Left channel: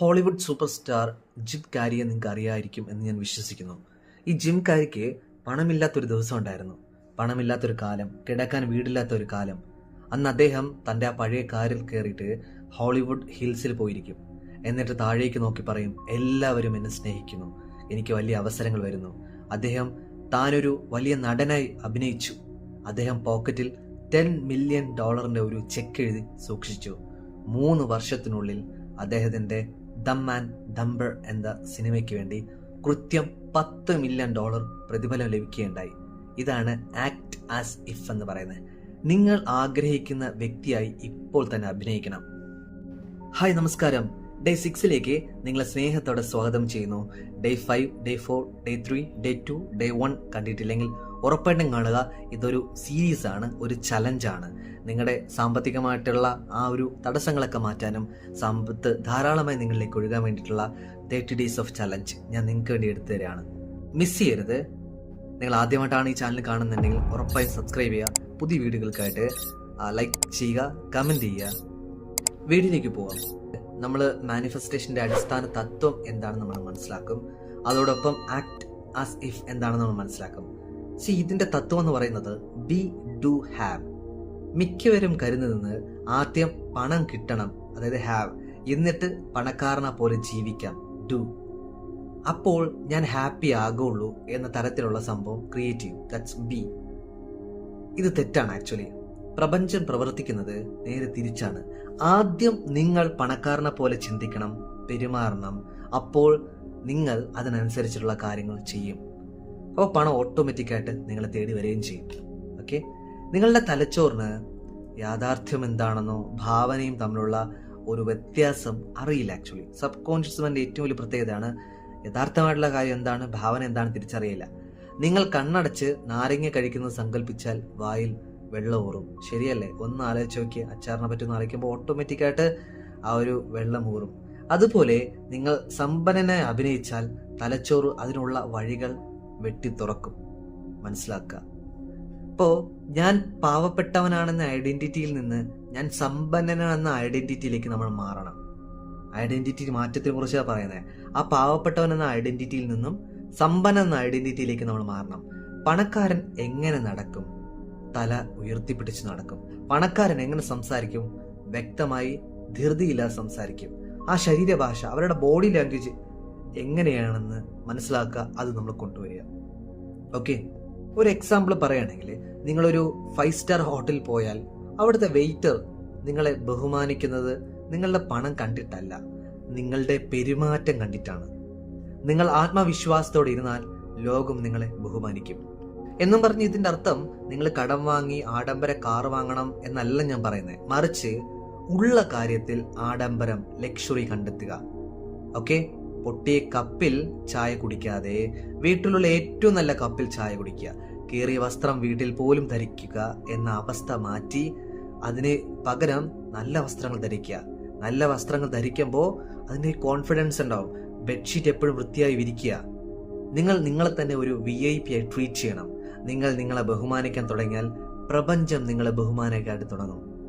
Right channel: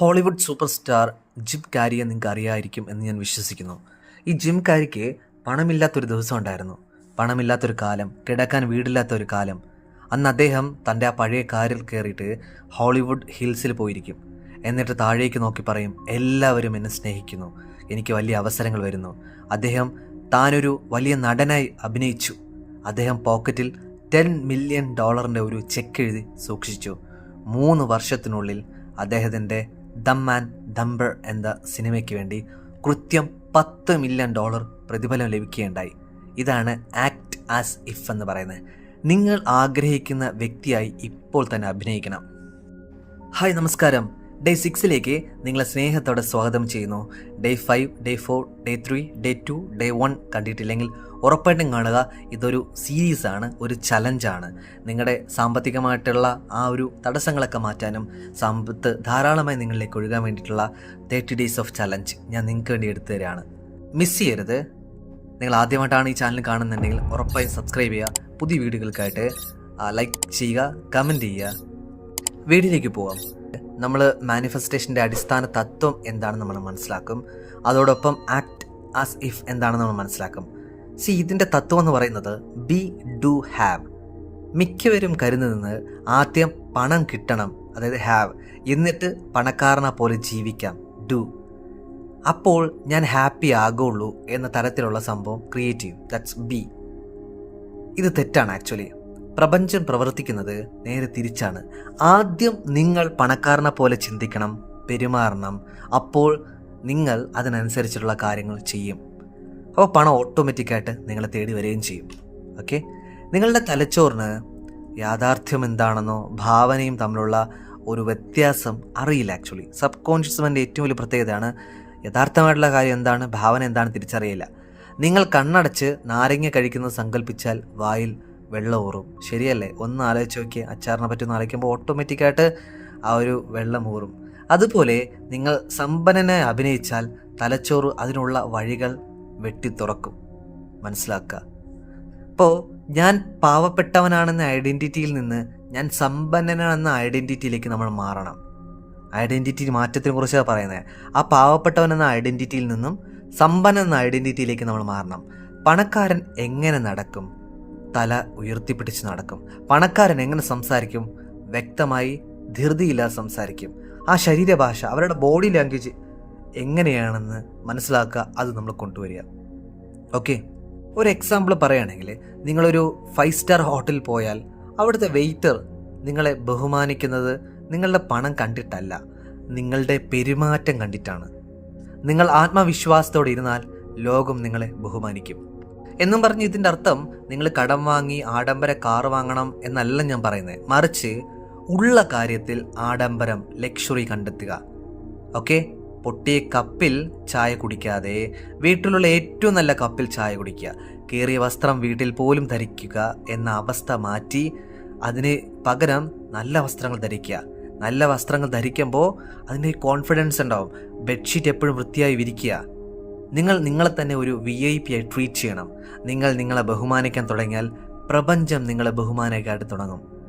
Hollywood super star Jim കാരിയെ നിങ്ങൾക്ക് അറിയായിരിക്കും എന്ന് ഞാൻ വിശ്വസിക്കുന്നു. ഈ ജിം കാരിക്ക് പണമില്ലാത്തൊരു ദിവസം ഉണ്ടായിരുന്നു. പണമില്ലാത്തൊരു കാലം കിടക്കാൻ വീടില്ലാത്ത ഒരു കാലം. അന്ന് അദ്ദേഹം തന്റെ ആ പഴയ കാറിൽ കയറിയിട്ട് ഹോളിവുഡ് ഹിൽസിൽ പോയിരിക്കും. എന്നിട്ട് താഴേക്ക് നോക്കി പറയും എല്ലാവരും എന്നെ സ്നേഹിക്കുന്നു. എനിക്ക് വലിയ അവസരങ്ങൾ വരുന്നു. അദ്ദേഹം താനൊരു വലിയ നടനായി അഭിനയിച്ചു. അദ്ദേഹം പോക്കറ്റിൽ ടെൻ മില്യൺ ഡോളറിന്റെ ഒരു ചെക്ക് എഴുതി സൂക്ഷിച്ചു. മൂന്ന് വർഷത്തിനുള്ളിൽ അദ്ദേഹത്തിന്റെ ദം ആൻഡ് ദംബർ എന്ന സിനിമയ്ക്ക് വേണ്ടി കൃത്യം പത്ത് മില്യൺ ഡോളർ പ്രതിഫലം ലഭിക്കുകയുണ്ടായി. ഇതാണ് ആക്ട് ആസ് ഇഫ് എന്ന് പറയുന്നത്. നിങ്ങൾ ആഗ്രഹിക്കുന്ന വ്യക്തിയായി ഇപ്പോൾ തന്നെ അഭിനയിക്കണം. ഹായ് നമസ്കാരം. ഡേ സിക്സിലേക്ക് നിങ്ങളെ സ്നേഹത്തോടെ സ്വാഗതം ചെയ്യുന്നു. Day five day four day three day two day one കണ്ടിട്ടില്ലെങ്കിൽ ഉറപ്പായിട്ടും കാണുക ഇതൊരു സീരീസാണ് ഒരു ചലഞ്ചാണ് നിങ്ങളുടെ സാമ്പത്തികമായിട്ടുള്ള ആ ഒരു തടസ്സങ്ങളൊക്കെ മാറ്റാനും സമ്പത്ത് ധാരാളമായി നിങ്ങളിലേക്ക് ഒഴുകാൻ വേണ്ടിയിട്ടുള്ള തേർട്ടി ഡേയ്സ് ഓഫ് ചലഞ്ച് ഞാൻ നിങ്ങൾക്ക് വേണ്ടി എടുത്തു തരാണ് മിസ് ചെയ്യരുത്. നിങ്ങൾ ആദ്യമായിട്ടാണ് ഈ ചാനൽ കാണുന്നുണ്ടെങ്കിൽ ഉറപ്പായും സബ്സ്ക്രൈബ് ചെയ്യുക. പുതിയ വീഡിയോകൾക്കായിട്ട് ലൈക്ക് ചെയ്യുക കമന്റ് ചെയ്യുക. വീഡിയോയിലേക്ക് പോകാം നമ്മൾ മാനിഫെസ്റ്റേഷന്റെ അടിസ്ഥാന തത്വം എന്താണെന്ന് നമ്മൾ മനസ്സിലാക്കും. അതോടൊപ്പം ആക്ട് ആസ് ഇഫ് എന്താണെന്ന് നമ്മൾ മനസ്സിലാക്കും. സി ഇതിന്റെ തത്വം എന്ന് പറയുന്നത് ബി ഡു ഹാവ് മിക്കവരും കരുതുന്നത് ആദ്യം പണം കിട്ടണം അതായത് ഹാവ് എന്നിട്ട് പണക്കാരനെ പോലെ ജീവിക്കാം ഡു അപ്പോൾ ഞാൻ ഹാപ്പി ആകുള്ളൂ എന്ന തരത്തിലുള്ള സംഭവം ക്രിയേറ്റ് ചെയ്യും. ദാറ്റ്സ് ബി ഇത് തെറ്റാണ് ആക്ച്വലി പ്രപഞ്ചം പ്രവർത്തിക്കുന്നത് നേരെ തിരിച്ചാണ്. ആദ്യം നിങ്ങൾ പണക്കാരനെ പോലെ ചിന്തിക്കണം പെരുമാറണം. അപ്പോൾ നിങ്ങൾ അതിനനുസരിച്ചുള്ള കാര്യങ്ങൾ ചെയ്യും. അപ്പോൾ പണം ഓട്ടോമാറ്റിക്കായിട്ട് നിങ്ങളെ തേടി വരികയും ചെയ്യും. ഓക്കെ നിങ്ങളുടെ തലച്ചോറിന് യാഥാർത്ഥ്യം എന്താണെന്നോ ഭാവനയും തമ്മിലുള്ള ഒരു വ്യത്യാസം അറിയില്ല ആക്ച്വലി സബ് കോൺഷ്യസ് മൈൻഡ് ഏറ്റവും വലിയ പ്രത്യേകതയാണ് യഥാർത്ഥമായിട്ടുള്ള കാര്യം എന്താണ് ഭാവന എന്താണ് തിരിച്ചറിയില്ല നിങ്ങൾ കണ്ണടച്ച് നാരങ്ങ കഴിക്കുന്നത് സങ്കല്പിച്ചാൽ വായിൽ വെള്ളം ഊറും. ശരിയല്ലേ? ഒന്ന് ആലോചിച്ച് നോക്കിയാൽ അച്ചാറിനെ പറ്റി ആലോചിക്കുമ്പോൾ ഓട്ടോമാറ്റിക്കായിട്ട് ആ ഒരു വെള്ളം ഊറും. അതുപോലെ നിങ്ങൾ സമ്പന്നനെ അഭിനയിച്ചാൽ തലച്ചോറ് അതിനുള്ള വഴികൾ വെട്ടി തുറക്കും മനസ്സിലാക്കുക അപ്പോൾ ഞാൻ പാവപ്പെട്ടവനാണെന്ന ഐഡന്റിറ്റിയിൽ നിന്ന് ഞാൻ സമ്പന്നനാണെന്ന ഐഡന്റിറ്റിയിലേക്ക് നമ്മൾ മാറണം. ഐഡന്റിറ്റി മാറ്റത്തിനെ കുറിച്ചാണ് പറയുന്നത് ആ പാവപ്പെട്ടവൻ എന്ന ഐഡന്റിറ്റിയിൽ നിന്നും സമ്പന്നൻ എന്ന ഐഡന്റിറ്റിയിലേക്ക് നമ്മൾ മാറണം. പണക്കാരൻ എങ്ങനെ നടക്കും? തല ഉയർത്തിപ്പിടിച്ച് നടക്കും. പണക്കാരൻ എങ്ങനെ സംസാരിക്കും? വ്യക്തമായി ധൃതിയില്ലാതെ സംസാരിക്കും. ആ ശരീരഭാഷ അവരുടെ ബോഡി ലാംഗ്വേജ് എങ്ങനെയാണെന്ന് മനസ്സിലാക്കുക അത് നമ്മൾ കൊണ്ടുവരിക. ഓക്കെ ഒരു എക്സാമ്പിൾ പറയുകയാണെങ്കിൽ നിങ്ങളൊരു ഫൈവ് സ്റ്റാർ ഹോട്ടലിൽ പോയാൽ അവിടുത്തെ വെയിറ്റർ നിങ്ങളെ ബഹുമാനിക്കുന്നത് നിങ്ങളുടെ പണം കണ്ടിട്ടല്ല. നിങ്ങളുടെ പെരുമാറ്റം കണ്ടിട്ടാണ്. നിങ്ങൾ ആത്മവിശ്വാസത്തോടെ ഇരുന്നാൽ ലോകം നിങ്ങളെ ബഹുമാനിക്കും. എന്നും പറഞ്ഞ് ഇതിന്റെ അർത്ഥം നിങ്ങൾ കടം വാങ്ങി ആഡംബര കാർ വാങ്ങണം എന്നല്ല ഞാൻ പറയുന്നത് മറിച്ച് ഉള്ള കാര്യത്തിൽ ആഡംബരം ലക്ഷറി കണ്ടെത്തുക. ഓക്കെ പൊട്ടിയ കപ്പിൽ ചായ കുടിക്കാതെ വീട്ടിലുള്ള ഏറ്റവും നല്ല കപ്പിൽ ചായ കുടിക്കുക. കീറിയ വസ്ത്രം വീട്ടിൽ പോലും ധരിക്കുക എന്ന അവസ്ഥ മാറ്റി അതിന് പകരം നല്ല വസ്ത്രങ്ങൾ ധരിക്കുക. നല്ല വസ്ത്രങ്ങൾ ധരിക്കുമ്പോൾ അതിന് കോൺഫിഡൻസ് ഉണ്ടാവും. ബെഡ്ഷീറ്റ് എപ്പോഴും വൃത്തിയായി വിരിക്കുക. നിങ്ങൾ നിങ്ങളെ തന്നെ ഒരു വി ഐ പി ആയി ട്രീറ്റ് ചെയ്യണം. നിങ്ങൾ നിങ്ങളെ ബഹുമാനിക്കാൻ തുടങ്ങിയാൽ പ്രപഞ്ചം നിങ്ങളെ ബഹുമാനിക്കായിട്ട് തുടങ്ങും.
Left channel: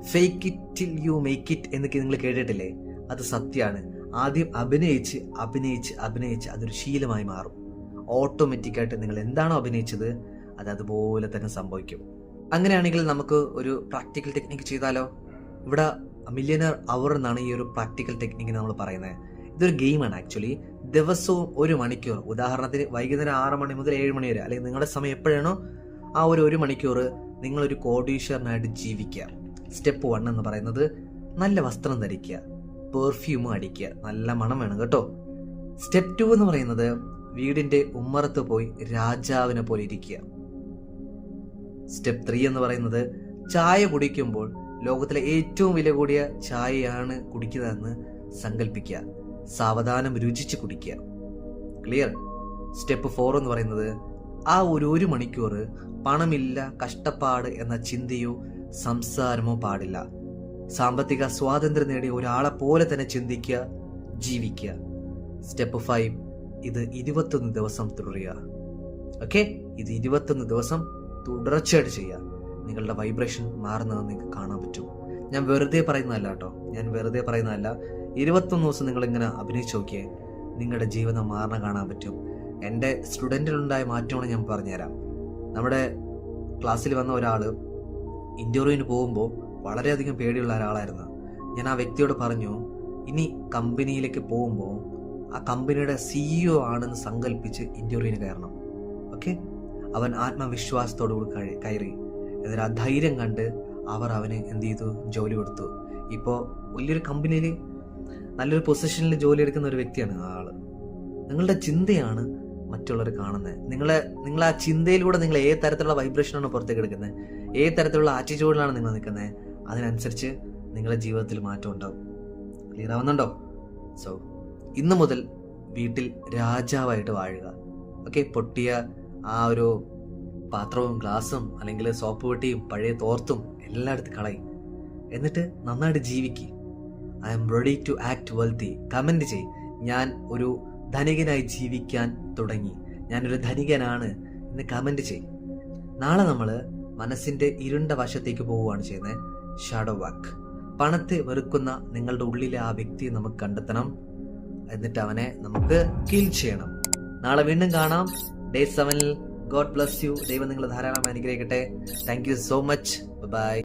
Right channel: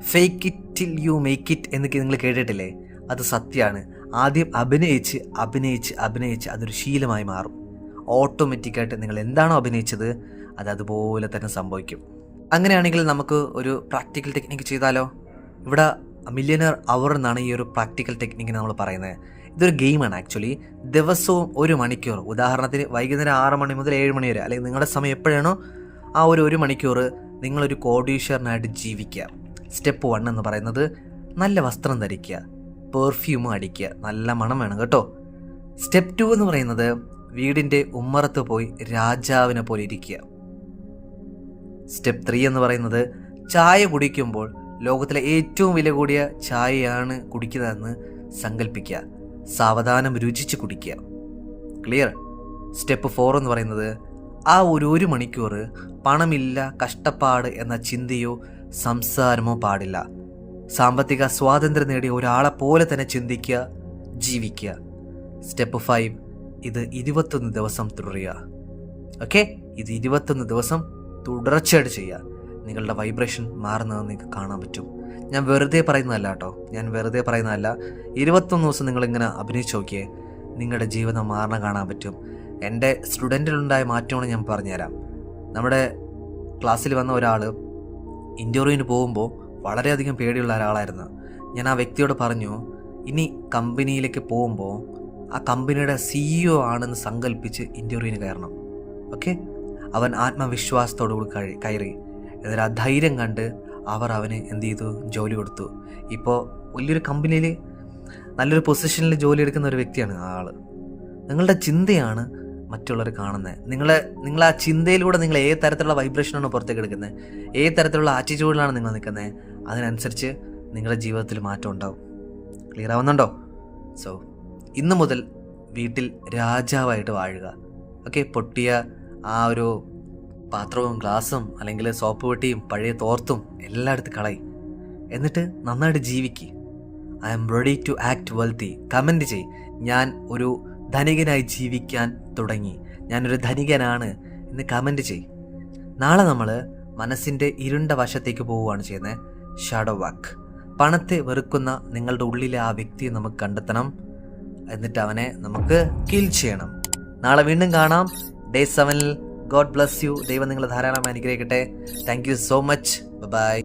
Fake it till you make it എന്നൊക്കെ നിങ്ങൾ കേട്ടിട്ടില്ലേ? അത് സത്യമാണ്. ആദ്യം അഭിനയിച്ച് അഭിനയിച്ച് അഭിനയിച്ച് അതൊരു ശീലമായി മാറും. ഓട്ടോമാറ്റിക്കായിട്ട് നിങ്ങൾ എന്താണോ അഭിനയിച്ചത് അത് അതുപോലെ തന്നെ സംഭവിക്കും. അങ്ങനെയാണെങ്കിൽ നമുക്ക് ഒരു പ്രാക്ടിക്കൽ ടെക്നിക്ക് ചെയ്താലോ? ഇവിടെ മില്യനർ അവർ എന്നാണ് ഈ ഒരു പ്രാക്ടിക്കൽ ടെക്നിക്ക് നമ്മൾ പറയുന്നത്. ഇതൊരു ഗെയിമാണ് ആക്ച്വലി. ദിവസവും ഒരു മണിക്കൂർ. ഉദാഹരണത്തിന് വൈകുന്നേരം ആറ് മണി മുതൽ ഏഴ് മണി വരെ അല്ലെങ്കിൽ നിങ്ങളുടെ സമയം എപ്പോഴാണോ ആ ഒരു ഒരു മണിക്കൂർ നിങ്ങളൊരു കോടീശ്വരനായിട്ട് ജീവിക്കുക. സ്റ്റെപ്പ് വൺ എന്ന് പറയുന്നത് നല്ല വസ്ത്രം ധരിക്കുക. പെർഫ്യൂം അടിക്കുക. നല്ല മണം വേണം കേട്ടോ. സ്റ്റെപ്പ് ടു എന്ന് പറയുന്നത് വീടിന്റെ ഉമ്മറത്ത് പോയി രാജാവിനെ പോലെ ഇരിക്കുക. സ്റ്റെപ്പ് ത്രീ എന്ന് പറയുന്നത് ചായ കുടിക്കുമ്പോൾ ലോകത്തിലെ ഏറ്റവും വില കൂടിയ ചായയാണ് കുടിക്കുന്നതെന്ന് സങ്കല്പിക്കുക സാവധാനം രുചിച്ച് കുടിക്കുക. ക്ലിയർ സ്റ്റെപ്പ് ഫോർ എന്ന് പറയുന്നത് ആ ഒരു ഒരു മണിക്കൂർ പണമില്ല കഷ്ടപ്പാട് എന്ന ചിന്തയോ സംസാരമോ പാടില്ല. സാമ്പത്തിക സ്വാതന്ത്ര്യം നേടിയ ഒരാളെ പോലെ തന്നെ ചിന്തിക്കുക ജീവിക്കുക. സ്റ്റെപ്പ് ഫൈവ് ഇത് ഇരുപത്തൊന്ന് ദിവസം തുടരുക. ഓക്കെ ഇത് ഇരുപത്തൊന്ന് ദിവസം തുടർച്ചയായിട്ട് ചെയ്യുക. നിങ്ങളുടെ വൈബ്രേഷൻ മാറുന്നത് നിങ്ങൾക്ക് കാണാൻ പറ്റും. ഞാൻ വെറുതെ പറയുന്നതല്ല കേട്ടോ. ഞാൻ വെറുതെ പറയുന്നതല്ല. ഇരുപത്തൊന്ന് ദിവസം നിങ്ങളിങ്ങനെ അഭിനയിച്ച് നോക്കിയേ നിങ്ങളുടെ ജീവിതം മാറണ കാണാൻ പറ്റും. എന്റെ സ്റ്റുഡന്റിലുണ്ടായ മാറ്റമാണ് ഞാൻ പറഞ്ഞുതരാം. നമ്മുടെ ക്ലാസ്സിൽ വന്ന ഒരാൾ ഇന്റർവ്യൂവിന് പോകുമ്പോൾ വളരെയധികം പേടിയുള്ള ഒരാളായിരുന്നു. ഞാൻ ആ വ്യക്തിയോട് പറഞ്ഞു ഇനി കമ്പനിയിലേക്ക് പോകുമ്പോൾ ആ കമ്പനിയുടെ സിഇഒ ആണെന്ന് സങ്കല്പിച്ച് ഇന്റർവ്യൂവിന് കയറണം. ഓക്കെ അവൻ ആത്മവിശ്വാസത്തോടു കൂടി കഴി കയറി. എന്നിട്ട് ആ ധൈര്യം കണ്ട് അവർ അവന് എന്ത് ചെയ്തു? ജോലി കൊടുത്തു. ഇപ്പോൾ വലിയൊരു കമ്പനിയിൽ നല്ലൊരു പൊസിഷനിൽ ജോലി എടുക്കുന്ന ഒരു വ്യക്തിയാണ് ആൾ നിങ്ങളുടെ ചിന്തയാണ് മറ്റുള്ളവർ കാണുന്നത്. നിങ്ങളെ നിങ്ങൾ ആ ചിന്തയിലൂടെ നിങ്ങൾ ഏത് തരത്തിലുള്ള വൈബ്രേഷനാണ് പുറത്തേക്ക് എടുക്കുന്നത്? ഏത് തരത്തിലുള്ള ആറ്റിറ്റ്യൂഡിലാണ് നിങ്ങൾ നിൽക്കുന്നത്? അതിനനുസരിച്ച് നിങ്ങളുടെ ജീവിതത്തിൽ മാറ്റം ഉണ്ടാവും. ക്ലിയർ ആവുന്നുണ്ടോ? സോ ഇന്ന് മുതൽ വീട്ടിൽ രാജാവായിട്ട് വാഴുക. ഓക്കെ പൊട്ടിയ ആ ഒരു പാത്രവും ഗ്ലാസും അല്ലെങ്കിൽ സോപ്പ് പെട്ടിയും പഴയ തോർത്തും എല്ലായിടത്തും കളയി. എന്നിട്ട് നന്നായിട്ട് ജീവിക്ക്. I'm ready to act wealthy comment ചെയ് ഞാൻ ഒരു ധനികനായി ജീവിക്കാൻ തുടങ്ങി. ഞാനൊരു ധനികനാണ് എന്ന് കമന്റ് ചെയ് നാളെ നമ്മൾ മനസ്സിന്റെ ഇരുണ്ട വശത്തേക്ക് പോവുകയാണ് ചെയ്യുന്നത്. ഷാഡോ വാക്ക് പണത്തെ വെറുക്കുന്ന നിങ്ങളുടെ ഉള്ളിലെ ആ വ്യക്തിയെ നമുക്ക് കണ്ടെത്തണം. എന്നിട്ട് അവനെ നമുക്ക് കിൽ ചെയ്യണം. നാളെ വീണ്ടും കാണാം. ഡേ സെവനിൽ ഗോഡ് ബ്ലസ് യു ദൈവം നിങ്ങളെ ധാരാളം അനുഗ്രഹിക്കട്ടെ. Thank you so much bye